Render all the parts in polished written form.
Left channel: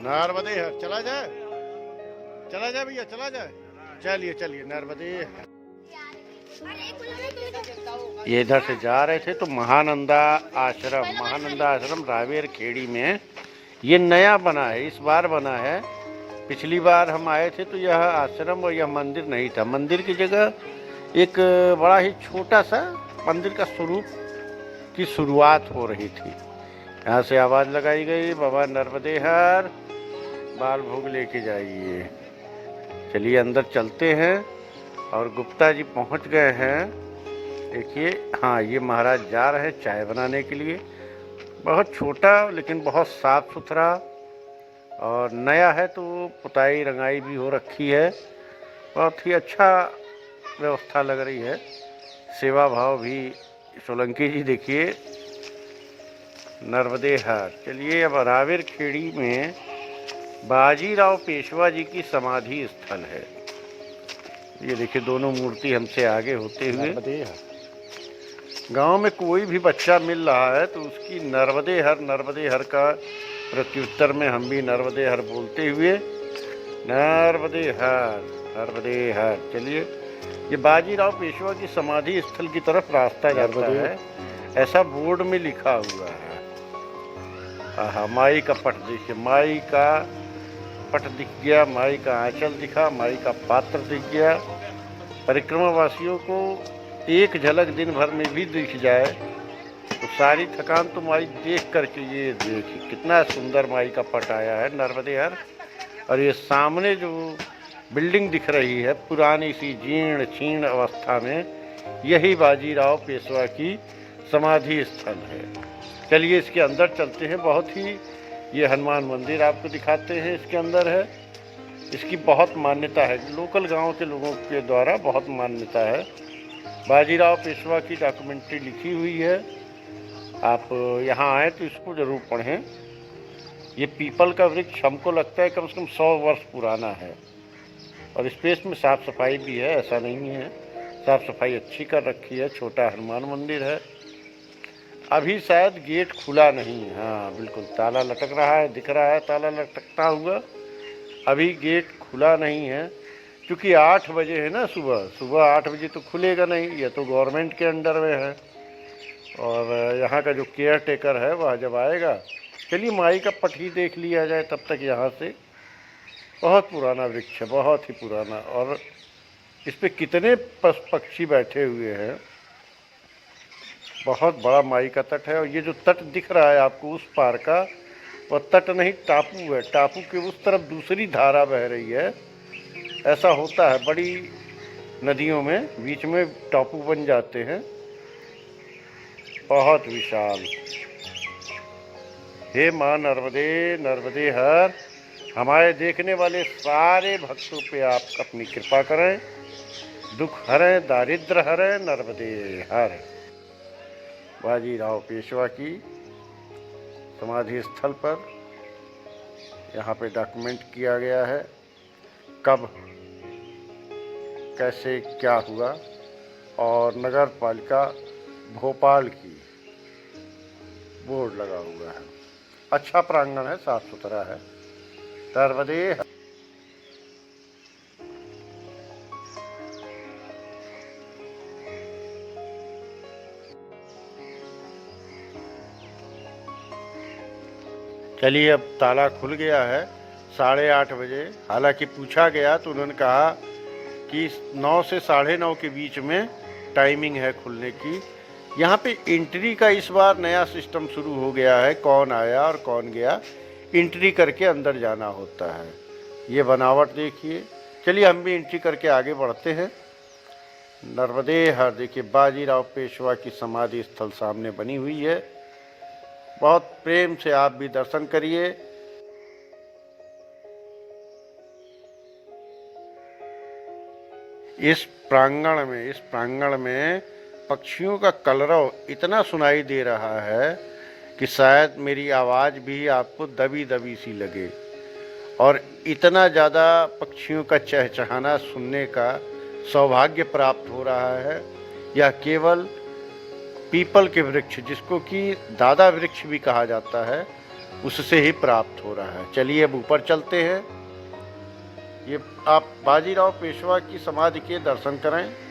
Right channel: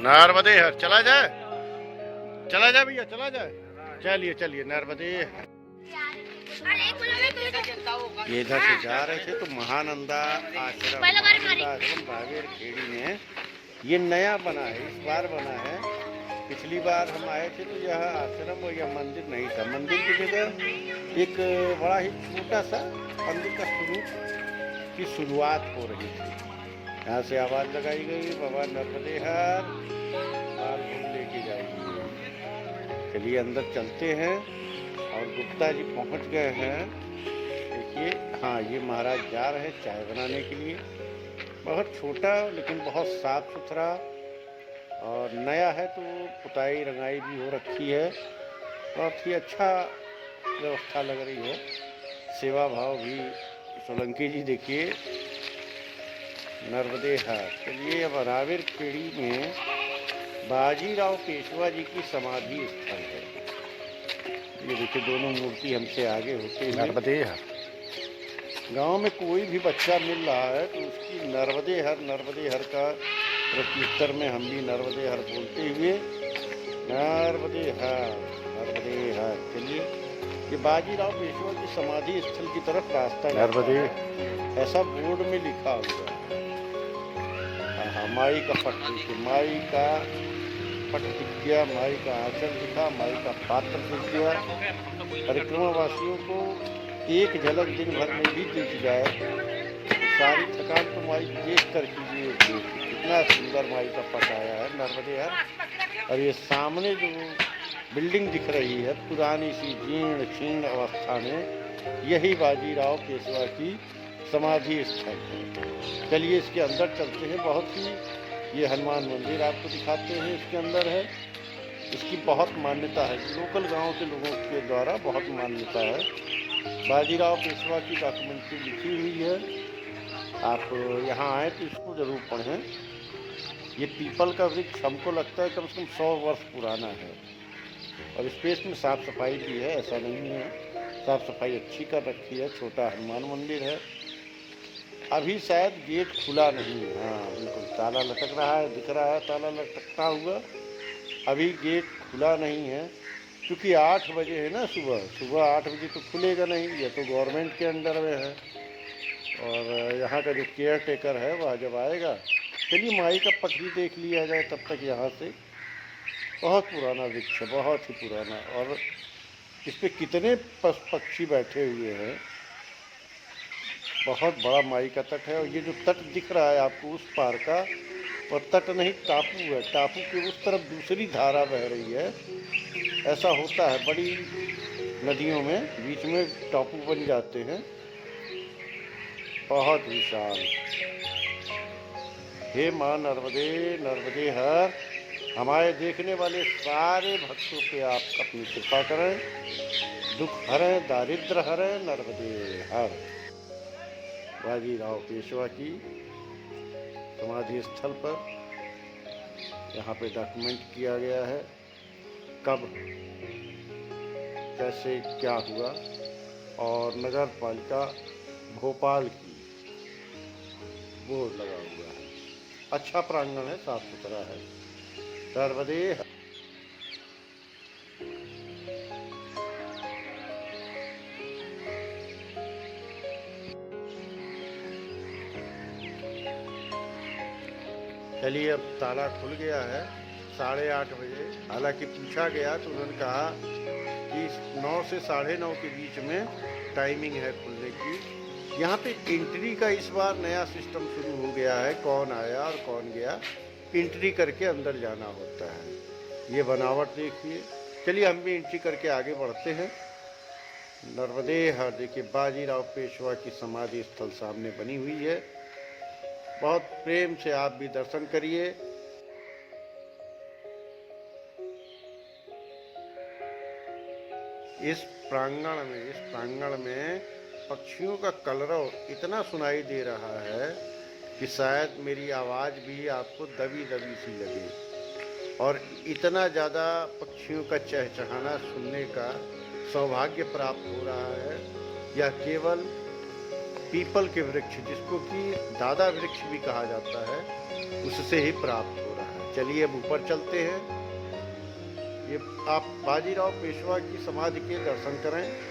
नर्मदे हर चला जाए, चला जाए भैया, चला जाए। चलिए चलिए नर्मदे। ये इधर से जा रहे थे तो महानंदा आश्रम रावेर खेड़ी में ये नया बना है, इस बार बना है। पिछली बार हम आए थे तो यह आश्रम और यह मंदिर नहीं था। मंदिर की जगह एक बड़ा ही छोटा सा मंदिर का स्वरूप की शुरुआत हो रही थी। यहाँ से आवाज लगाई गई, बाबा नर्मदे हर बाल भोग लेके जाइए। चलिए अंदर चलते हैं। और गुप्ता जी पहुँच गए हैं। देखिए, हाँ ये महाराज जा रहे हैं चाय बनाने के लिए। बहुत छोटा लेकिन बहुत साफ सुथरा और नया है, तो पुताई रंगाई भी हो रखी है। बहुत ही अच्छा व्यवस्था लग रही है। सेवा भाव भी। सोलंकी जी देखिए, नर्मदे हर। चलिए अब रावेर खेड़ी में बाजीराव पेशवा जी की समाधि स्थल है। ये देखिए दोनों मूर्ति हमसे आगे होते हुए। नर्मदे हर। गांव में कोई भी बच्चा मिल रहा है तो उसकी नर्मदे हर का प्रत्युत्तर में हम भी नर्मदे हर बोलते हुए नर्मदे हर, नर्मदे हर। चलिए, ये बाजीराव पेशवा की समाधि स्थल की तरफ रास्ता जाता है, ऐसा बोर्ड में लिखा हुआ है। हाँ, माई का पट देखिए, माई का पट दिख गया, माई का आंचल दिखा, माई का पात्र दिख गया। परिक्रमा वासियों को एक झलक दिन भर में भी दिख जाए तो सारी थकान तो माई देख कर के ये देखिए कितना सुंदर माई का पट आया है नर्मदे हर। और ये सामने जो बिल्डिंग दिख रही है पुरानी सी जीर्ण क्षीण अवस्था में, यही बाजीराव पेशवा की समाधि स्थल है। चलिए इसके अंदर चलते हैं। बहुत ही ये हनुमान मंदिर आपको दिखाते हैं, इसके अंदर है। इसकी बहुत मान्यता है, लोकल गांव के लोगों के द्वारा बहुत मान्यता है। बाजीराव पेशवा की डॉक्यूमेंट्री लिखी हुई है। आप यहाँ आए तो इसको ज़रूर पढ़ें। ये पीपल का वृक्ष हमको लगता है कम से कम 100 वर्ष पुराना है। और स्पेस में साफ़ सफाई भी है, ऐसा नहीं है। साफ़ सफाई अच्छी कर रखी है। छोटा हनुमान मंदिर है। अभी शायद गेट खुला नहीं है। हाँ बिल्कुल, ताला लटक रहा है, दिख रहा है ताला लटकता हुआ। अभी गेट खुला नहीं है क्योंकि 8 बजे है ना, सुबह 8 बजे तो खुलेगा नहीं, ये तो गवर्नमेंट के अंडर में है। और यहाँ का जो केयर टेकर है वह जब आएगा। चलिए माई का पट ही देख लिया जाए तब तक। यहाँ से बहुत पुराना वृक्ष है, बहुत ही पुराना। और इस पे कितने पक्षी बैठे हुए हैं। बहुत बड़ा माई का तट है। और ये जो तट दिख रहा है आपको उस पार का, वह तट नहीं टापू है। टापू के उस तरफ दूसरी धारा बह रही है। ऐसा होता है बड़ी नदियों में, बीच में टापू बन जाते हैं। बहुत विशाल। हे माँ नर्मदे, नर्मदे हर। हमारे देखने वाले सारे भक्तों पे आप अपनी कृपा करें, दुख हरें, दारिद्र हरें, नर्मदे हर। बाजीराव पेशवा की समाधि स्थल पर यहाँ पे डॉक्यूमेंट किया गया है कब कैसे क्या हुआ। और नगर पालिका भोपाल की बोर्ड लगा हुआ है। अच्छा प्रांगण है, साफ सुथरा है। नर्मदे हर। चलिए अब ताला खुल गया है 8:30 बजे। हालांकि पूछा गया तो उन्होंने कहा कि 9 से 9:30 के बीच में टाइमिंग है खुलने की। यहाँ पे एंट्री का इस बार नया सिस्टम शुरू हो गया है। कौन आया और कौन गया, एंट्री करके अंदर जाना होता है। ये बनावट देखिए। चलिए हम भी एंट्री करके आगे बढ़ते हैं। नर्मदे हर। देखिए बाजीराव पेशवा की समाधि स्थल सामने बनी हुई है। बहुत प्रेम से आप भी दर्शन करिए। इस प्रांगण में पक्षियों का कलरव इतना सुनाई दे रहा है कि शायद मेरी आवाज़ भी आपको दबी दबी सी लगे। और इतना ज़्यादा पक्षियों का चहचहाना सुनने का सौभाग्य प्राप्त हो रहा है। यह केवल पीपल के वृक्ष, जिसको कि दादा वृक्ष भी कहा जाता है, उससे ही प्राप्त हो रहा है। चलिए अब ऊपर चलते हैं। ये आप बाजीराव पेशवा की समाधि के दर्शन करें।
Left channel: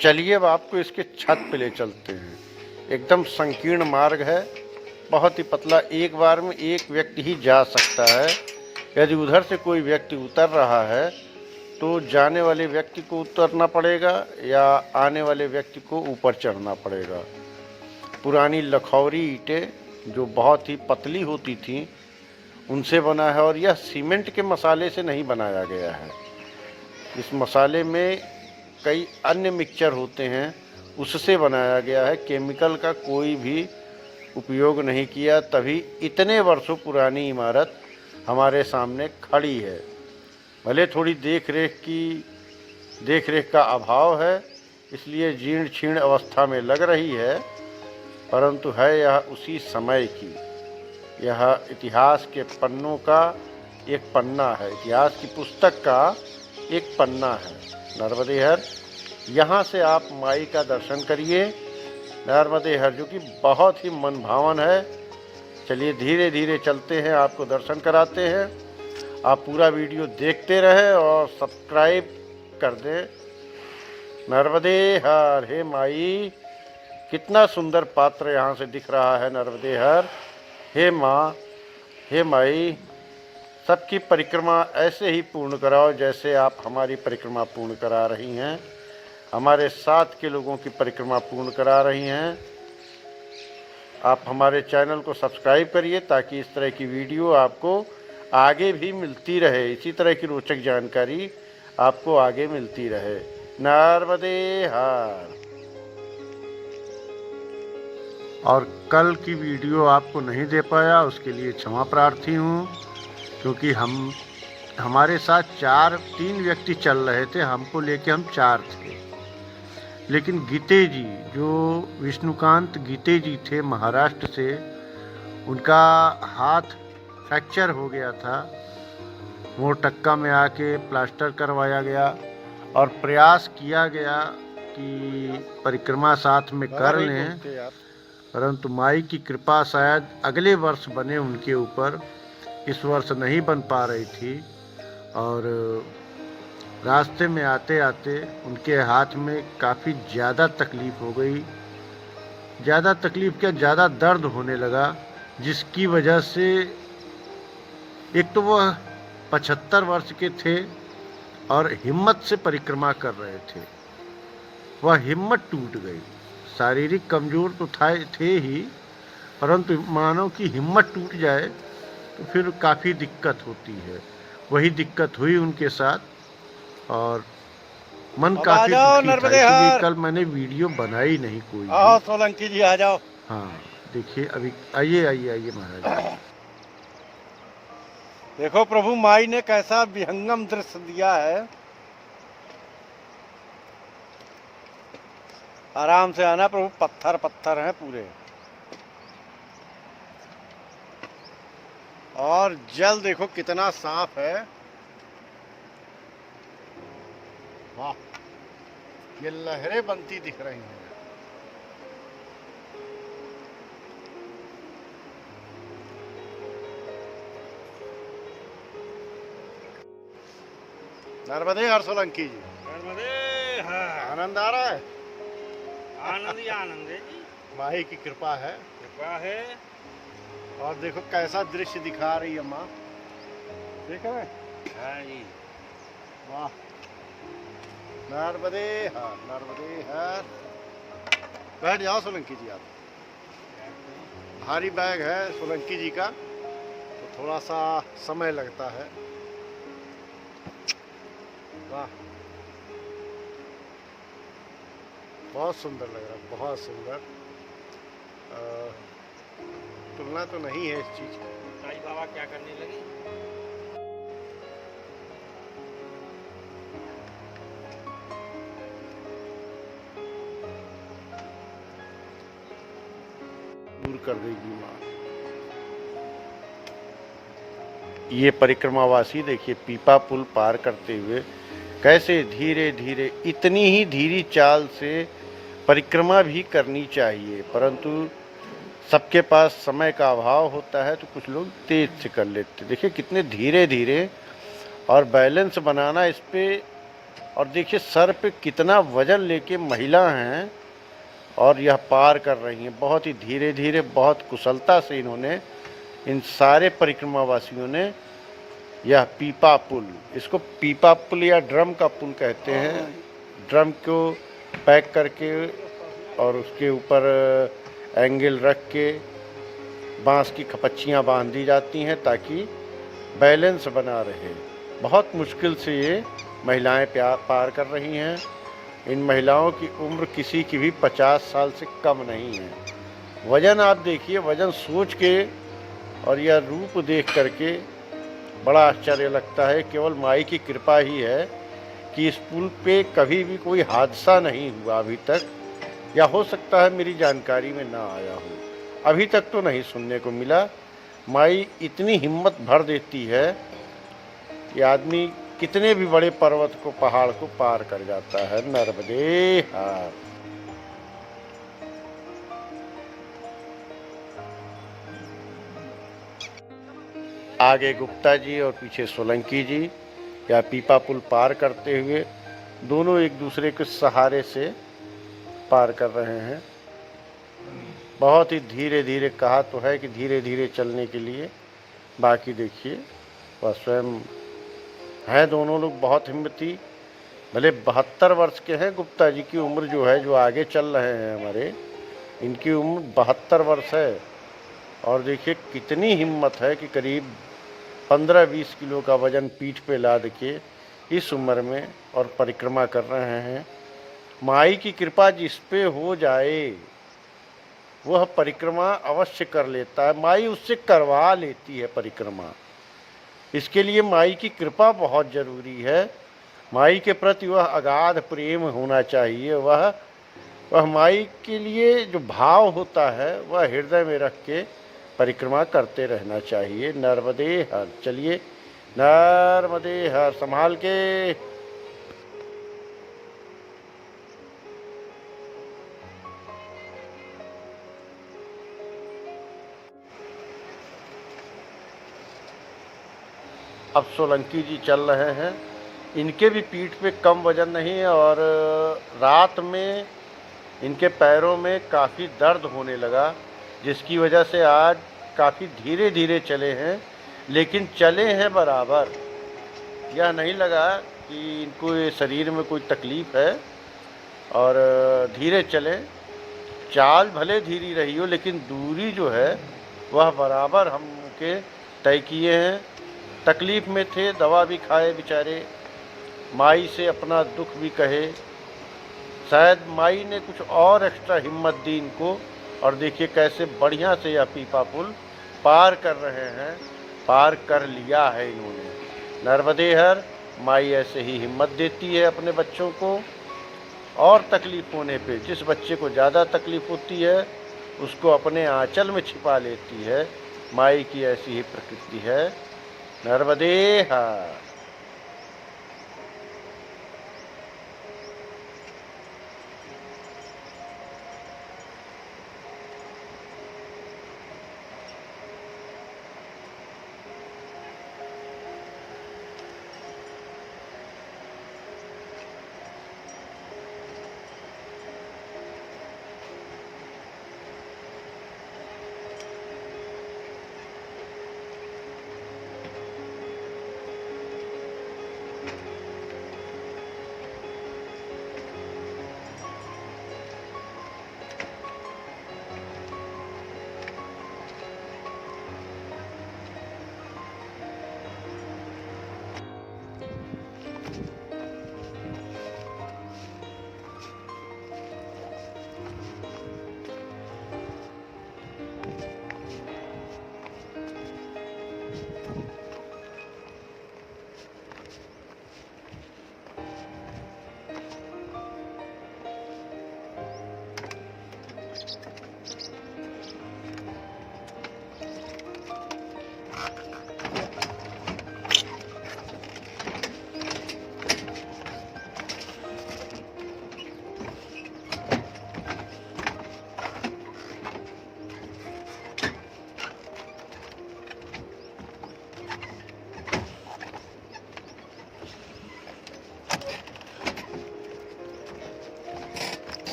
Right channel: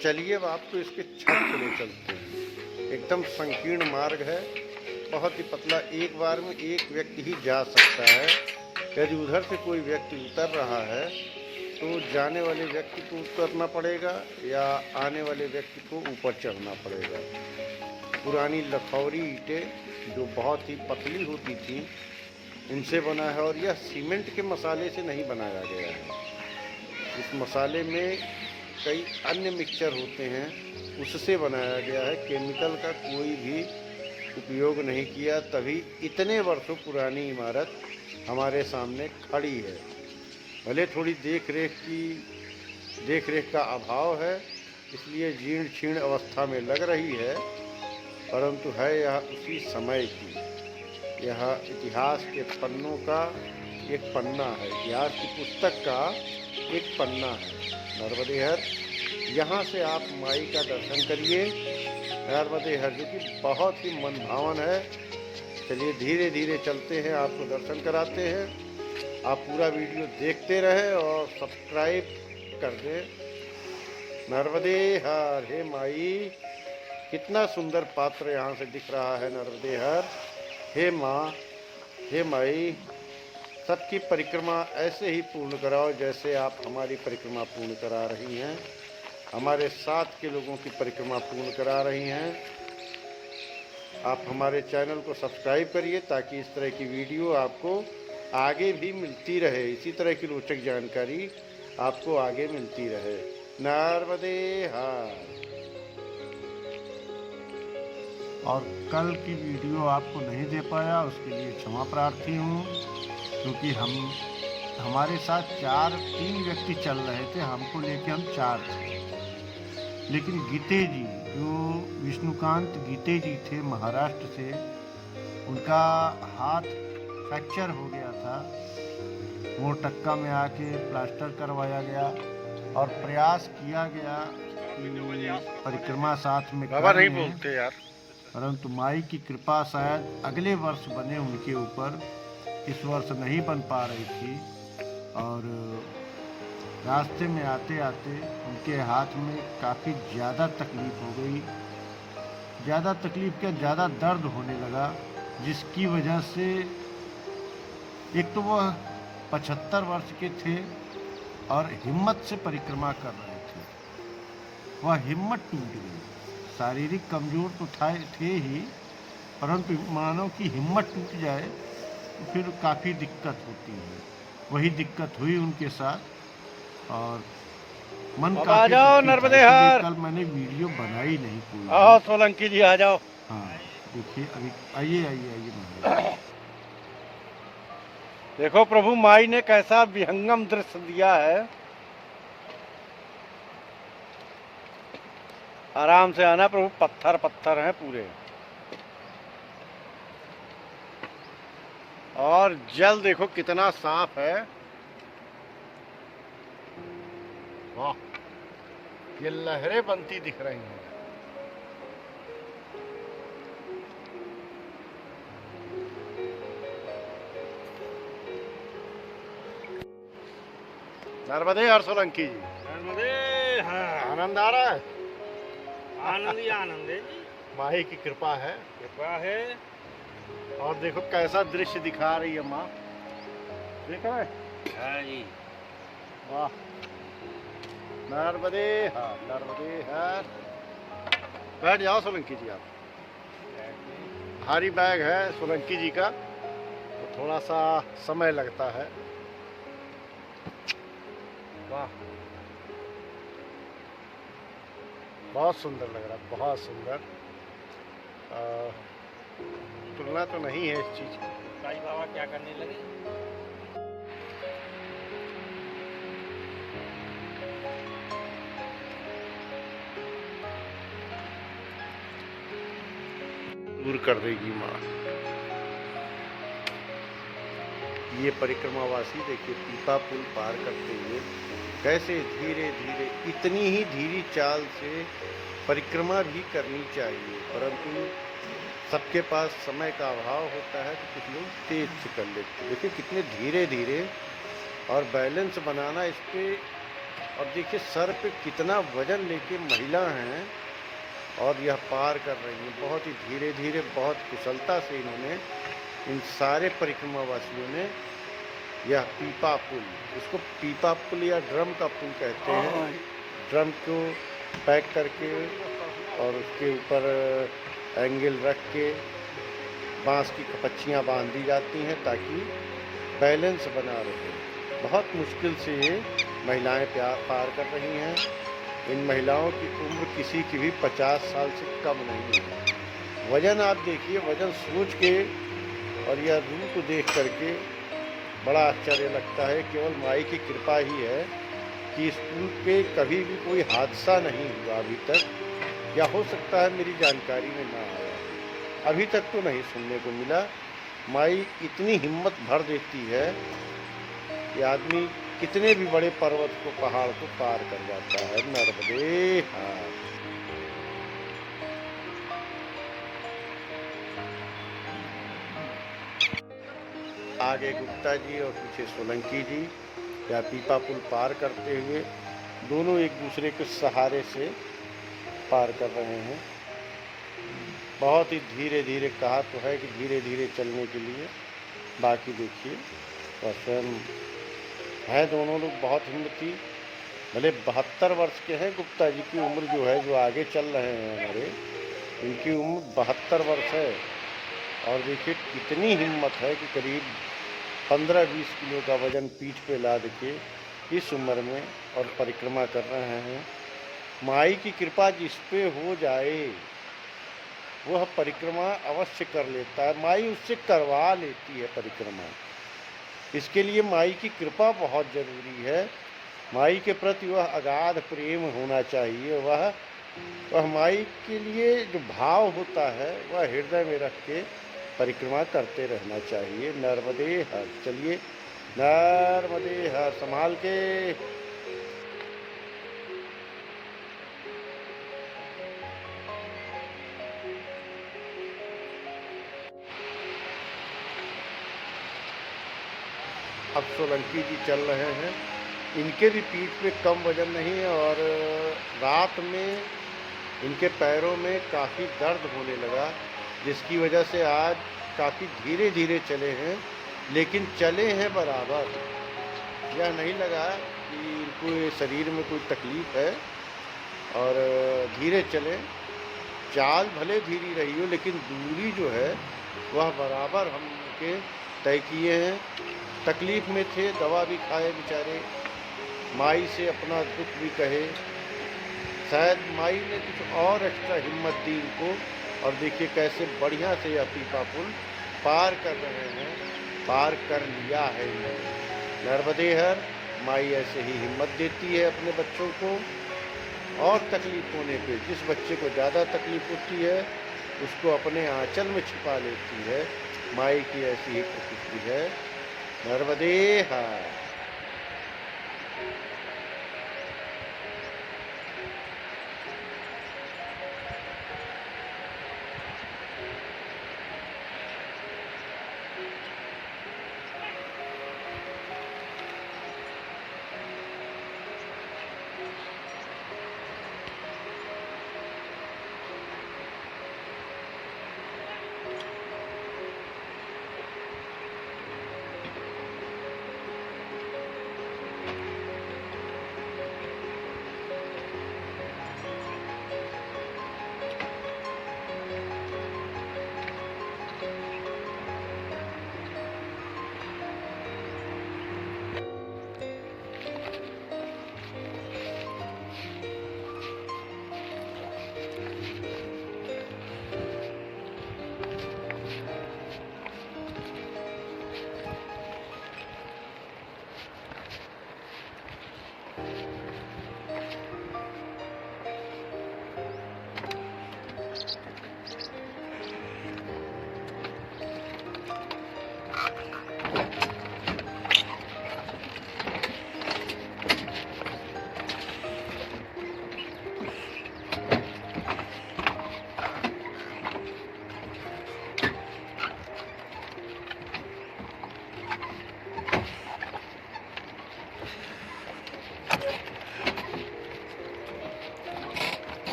चलिए अब आपको इसके छत पे ले चलते हैं। एकदम संकीर्ण मार्ग है, बहुत ही पतला, एक बार में एक व्यक्ति ही जा सकता है। यदि उधर से कोई व्यक्ति उतर रहा है तो जाने वाले व्यक्ति को उतरना पड़ेगा या आने वाले व्यक्ति को ऊपर चढ़ना पड़ेगा। पुरानी लखौरी ईंटें जो बहुत ही पतली होती थीं उनसे बना है और यह सीमेंट के मसाले से नहीं बनाया गया है। इस मसाले में कई अन्य मिक्सचर होते हैं, उससे बनाया गया है। केमिकल का कोई भी उपयोग नहीं किया, तभी इतने वर्षों पुरानी इमारत हमारे सामने खड़ी है। भले थोड़ी देख रेख का अभाव है, इसलिए जीर्ण क्षीण अवस्था में लग रही है, परंतु है यह उसी समय की। यह इतिहास के पन्नों का एक पन्ना है, इतिहास की पुस्तक का एक पन्ना है। नर्मदे हर, यहाँ से आप माई का दर्शन करिए। नर्मदे हर जो कि बहुत ही मनभावन है। चलिए धीरे धीरे चलते हैं, आपको दर्शन कराते हैं। आप पूरा वीडियो देखते रहें और सब्सक्राइब कर दें। नर्मदे हर, हे माई, कितना सुंदर पात्र यहाँ से दिख रहा है। नर्मदे हर, हे माँ, हे माई, सबकी परिक्रमा ऐसे ही पूर्ण कराओ जैसे आप हमारी परिक्रमा पूर्ण करा रही हैं, हमारे साथ के लोगों की परिक्रमा पूर्ण करा रही हैं। आप हमारे चैनल को सब्सक्राइब करिए ताकि इस तरह की वीडियो आपको आगे भी मिलती रहे, इसी तरह की रोचक जानकारी आपको आगे मिलती रहे। नर्मदे हर। और कल की वीडियो आपको नहीं दे पाया, उसके लिए क्षमा प्रार्थी हूँ, क्योंकि हमारे साथ 3 व्यक्ति चल रहे थे, हमको लेके हम 4 थे। लेकिन गीते जी, जो विष्णुकांत गीते जी थे महाराष्ट्र से, उनका हाथ फ्रैक्चर हो गया था। वो टक्का में आके प्लास्टर करवाया गया और प्रयास किया गया कि परिक्रमा साथ में कर लें, परंतु माई की कृपा शायद अगले वर्ष बने उनके ऊपर, इस वर्ष नहीं बन पा रही थी। और रास्ते में आते आते उनके हाथ में काफ़ी ज़्यादा तकलीफ़ हो गई। ज़्यादा तकलीफ़ क्या, ज़्यादा दर्द होने लगा, जिसकी वजह से एक तो वह 75 वर्ष के थे और हिम्मत से परिक्रमा कर रहे थे, वह हिम्मत टूट गई। शारीरिक कमज़ोर तो थे ही, परंतु मानव की हिम्मत टूट जाए तो फिर काफ़ी दिक्कत होती है। वही दिक्कत हुई उनके साथ और मन काफी दुखी था, इसलिए कल मैंने वीडियो बनाई नहीं कोई। आओ सोलंकी जी, आ जाओ। हाँ देखिए, अभी आइए महाराज। देखो प्रभु माई ने कैसा विहंगम दृश्य दिया है। आराम से आना प्रभु, पत्थर हैं पूरे। और जल देखो कितना साफ है। वाह, ये लहरें बनती दिख रही हैं। नर्मदे हर सोलंकी जी। नर्मदे हर। आनंद आ रहा है? आनंद ही आनंद है जी, माही की कृपा है। कृपा है। और देखो कैसा दृश्य दिखा रही है माँ, देख रहे? हाँ जी। वाह, नर्मदे हर, नर्मदे हर। बैठ जाओ सोलंकी जी आप। भारी बैग है सोलंकी जी का, तो थोड़ा सा समय लगता है। वाह, बहुत सुंदर लग रहा है, बहुत सुंदर। तुलना तो नहीं है इस चीज की। ताई बाबा क्या करने लगे? दूर कर देगी माँ। ये परिक्रमावासी देखिए पीपा पुल पार करते हुए कैसे धीरे धीरे, इतनी ही धीरी चाल से परिक्रमा भी करनी चाहिए, परंतु सबके पास समय का अभाव होता है तो कुछ लोग तेज से कर लेते। देखिए कितने धीरे धीरे, और बैलेंस बनाना इस पे। और देखिए सर पे कितना वजन लेके महिला हैं और यह पार कर रही हैं, बहुत ही धीरे धीरे, बहुत कुशलता से इन्होंने, इन सारे परिक्रमावासियों ने यह पीपा पुल, इसको पीपा पुल या ड्रम का पुल कहते हैं। ड्रम को पैक करके और उसके ऊपर एंगल रख के बांस की खपच्चियाँ बांध दी जाती हैं ताकि बैलेंस बना रहे। बहुत मुश्किल से ये महिलाएं पार कर रही हैं। इन महिलाओं की उम्र किसी की भी 50 साल से कम नहीं है। वजन आप देखिए, वजन सोच के और यह रूप देख करके बड़ा आश्चर्य लगता है। केवल माई की कृपा ही है कि इस पुल पे कभी भी कोई हादसा नहीं हुआ अभी तक, या हो सकता है मेरी जानकारी में ना आया हो, अभी तक तो नहीं सुनने को मिला। माई इतनी हिम्मत भर देती है कि आदमी कितने भी बड़े पर्वत को, पहाड़ को पार कर जाता है। नर्मदे हर। आगे गुप्ता जी और पीछे सोलंकी जी या पीपा पुल पार करते हुए दोनों एक दूसरे के सहारे से पार कर रहे हैं। बहुत ही धीरे धीरे, कहा तो है कि धीरे धीरे चलने के लिए, बाकी देखिए वह स्वयं हैं। दोनों लोग बहुत हिम्मती। भले 72 वर्ष के हैं, गुप्ता जी की उम्र जो है, जो आगे चल रहे हैं हमारे, इनकी उम्र 72 वर्ष है। और देखिए कितनी हिम्मत है कि करीब 15-20 किलो का वजन पीठ पे लाद के इस उम्र में और परिक्रमा कर रहे हैं। माई की कृपा जिस पे हो जाए वह परिक्रमा अवश्य कर लेता है। माई उससे करवा लेती है परिक्रमा। इसके लिए माई की कृपा बहुत जरूरी है। माई के प्रति वह अगाध प्रेम होना चाहिए। वह माई के लिए जो भाव होता है वह हृदय में रख के परिक्रमा करते रहना चाहिए। नर्मदे हर। चलिए, नर्मदे हर। संभाल के। अब सोलंकी जी चल रहे हैं। इनके भी पीठ पे कम वजन नहीं है और रात में इनके पैरों में काफ़ी दर्द होने लगा, जिसकी वजह से आज काफ़ी धीरे धीरे चले हैं, लेकिन चले हैं बराबर। यह नहीं लगा कि इनको ये शरीर में कोई तकलीफ़ है, और धीरे चले। चाल भले धीरी रही हो लेकिन दूरी जो है वह बराबर हम के तय किए हैं। तकलीफ़ में थे, दवा भी खाए बेचारे, माई से अपना दुख भी कहे। शायद माई ने कुछ और एक्स्ट्रा हिम्मत दी इनको, और देखिए कैसे बढ़िया से यह पीपा पुल पार कर रहे हैं। पार कर लिया है इन्होंने। नर्मदे हर। माई ऐसे ही हिम्मत देती है अपने बच्चों को, और तकलीफ़ होने पे जिस बच्चे को ज़्यादा तकलीफ़ होती है उसको अपने आंचल में छिपा लेती है, माई की ऐसी ही प्रकृति है। नर्मदे हर।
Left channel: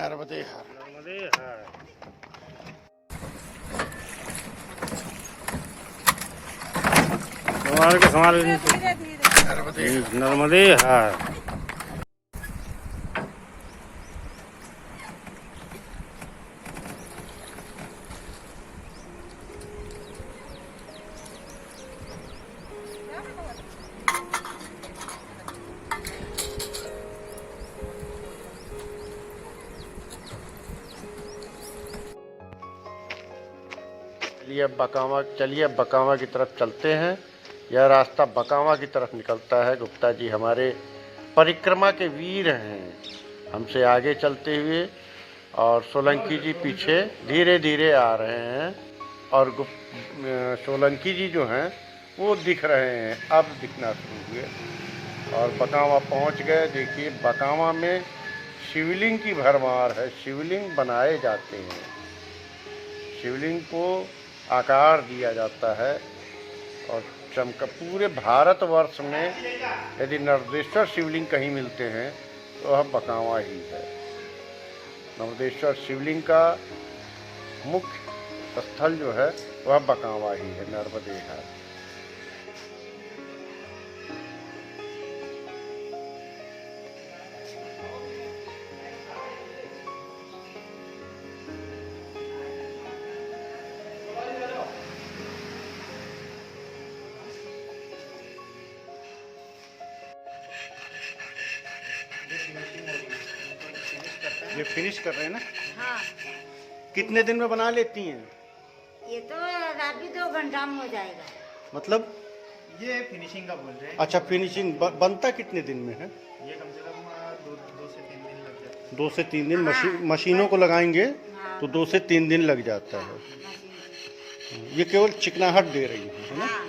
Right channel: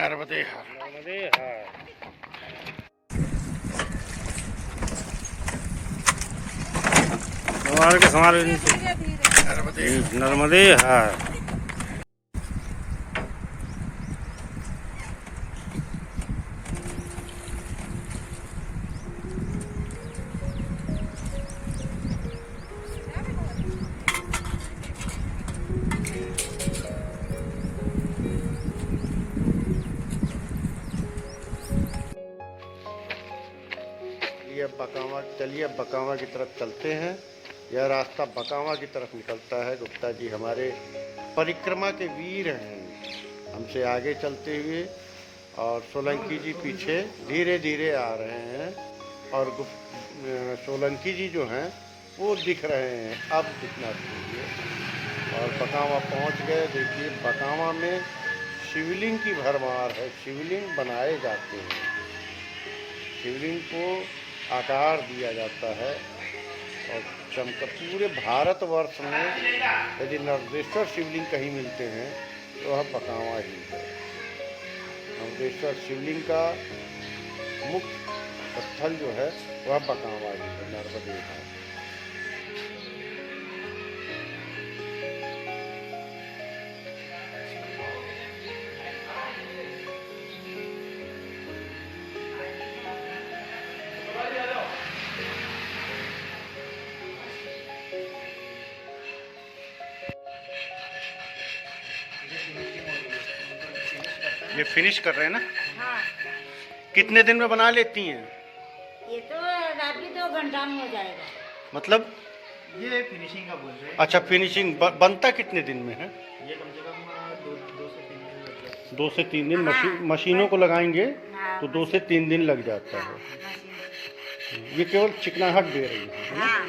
नर्मदे हर। नर्मदे हर। संभाल के नर्मदे हर। चलिए अब बकावा की तरफ चलते हैं। यह रास्ता बकावा की तरफ निकलता है। गुप्ता जी हमारे परिक्रमा के वीर हैं, हमसे आगे चलते हुए, और सोलंकी जी पीछे धीरे धीरे आ रहे हैं। और सोलंकी जी जो हैं वो दिख रहे हैं, अब दिखना शुरू हुए और बकावा पहुंच गए। देखिए बकावा में शिवलिंग की भरमार है। शिवलिंग बनाए जाते हैं, शिवलिंग को आकार दिया जाता है। और पूरे भारतवर्ष में यदि नर्मदेश्वर शिवलिंग कहीं मिलते हैं तो वह बकावा ही है। नर्मदेश्वर शिवलिंग का मुख्य स्थल जो है वह बकावा ही है, नर्मदे है। ये फिनिश कर रहे हैं ना? हाँ। कितने दिन में बना लेती हैं? ये तो अभी 2 घंटा में हो जाएगा। मतलब ये फिनिशिंग का बोल रहे हैं। अच्छा, फिनिशिंग बनता कितने दिन में है? ये कम से कम 2 से 3 दिन लग जाते हैं। 2 से 3 दिन मशीनों को लगाएंगे हाँ। तो 2 से 3 दिन लग जाता है। ये केवल चिकनाहट दे रही है ना? हाँ।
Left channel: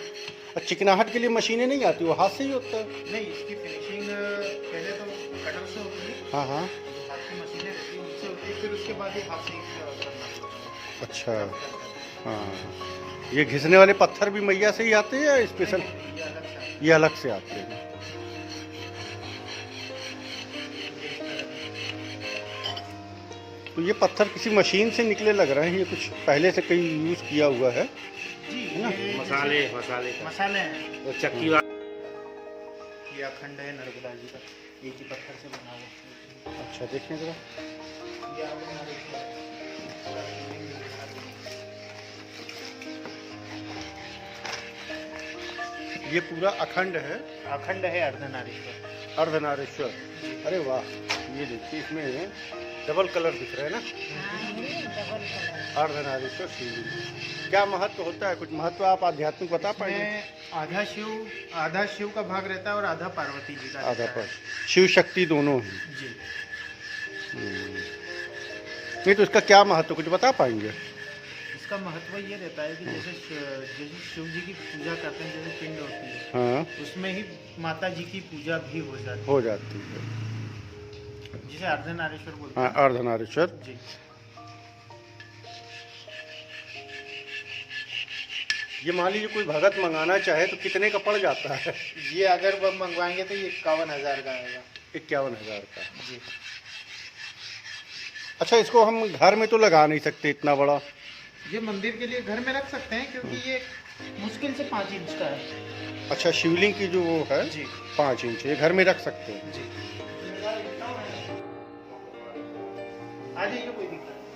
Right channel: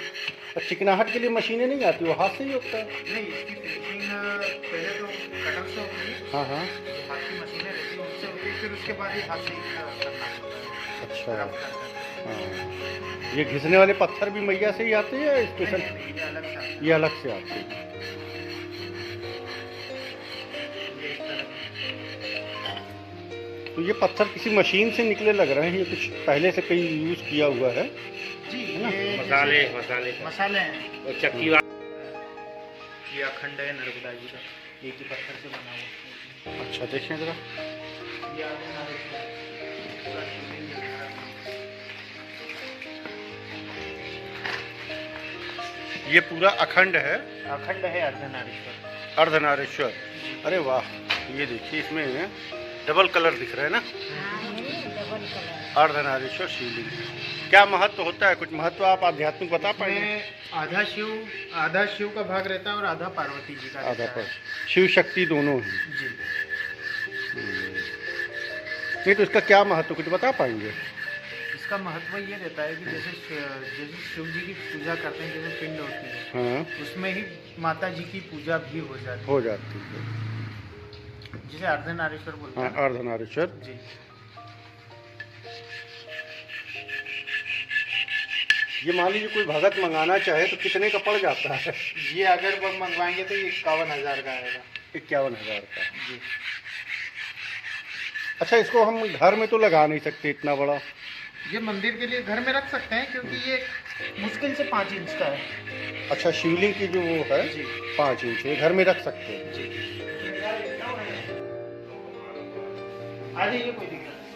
और चिकनाहट के लिए मशीनें नहीं आती, वो हाथ से ही होता है? नहीं, इसकी फिनिशिंग पहले तो कटर से होती है। हाँ हाँ। जो हाथ की मशीनें रहती है उनसे होती है, फिर उसके बाद ही हाथ से करना पड़ता है। अच्छा हाँ। ये घिसने वाले पत्थर भी मैया से ही आते हैं या स्पेशल? ये अलग से आते हैं। तो ये पत्थर किसी मशीन से निकले लग रहे हैं, ये कुछ पहले से कहीं यूज किया हुआ है जी। है ना? मसाले हैं और चक्की ये अखंड है नर्मदा जी का, एक ही पत्थर से बना हुआ। अच्छा देखें जरा। ये पूरा अखंड है? अखंड है अर्धनारीश्वर। अर्धनारीश्वर। अरे वाह, ये देखिए इसमें डबल कलर दिख रहा है ना? अर्धनारीश्वर शिवलिंग। क्या महत्व होता है, कुछ महत्व आप आध्यात्मिक बता पाएंगे? इसमें आधा शिव का भाग रहता है और आधा पार्वती जी का आधा रहता पर है। शिव शक्ति दोनों हैं। जी। नहीं तो इसका क्या महत्व कुछ बता पाएंगे? इसका महत्व ये रहता है कि जैसे शिव जी की पूजा करते हैं, जैसे पिंड होती है, हाँ, उसमें ही माता जी की पूजा भी हो जाती हो जाती है। है, जिसे अर्धनारीश्वर बोलते हाँ, हैं। अर्धनारीश्वर। जी। ये मान लीजिए कोई भगत मंगाना चाहे तो कितने का पड़ जाता है? ये अगर वो मंगवाएंगे तो ये 51,000 का आएगा। 51,000 का। जी। अच्छा, इसको हम घर में तो लगा नहीं सकते इतना बड़ा? ये मंदिर के लिए घर में रख सकते हैं, क्योंकि ये मुश्किल से 5 इंच का है। अच्छा, शिवलिंग की जो वो है जी। 5 इंच, ये घर में रख सकते हैं। जी। आ जाइए, कोई दिक्कत नहीं।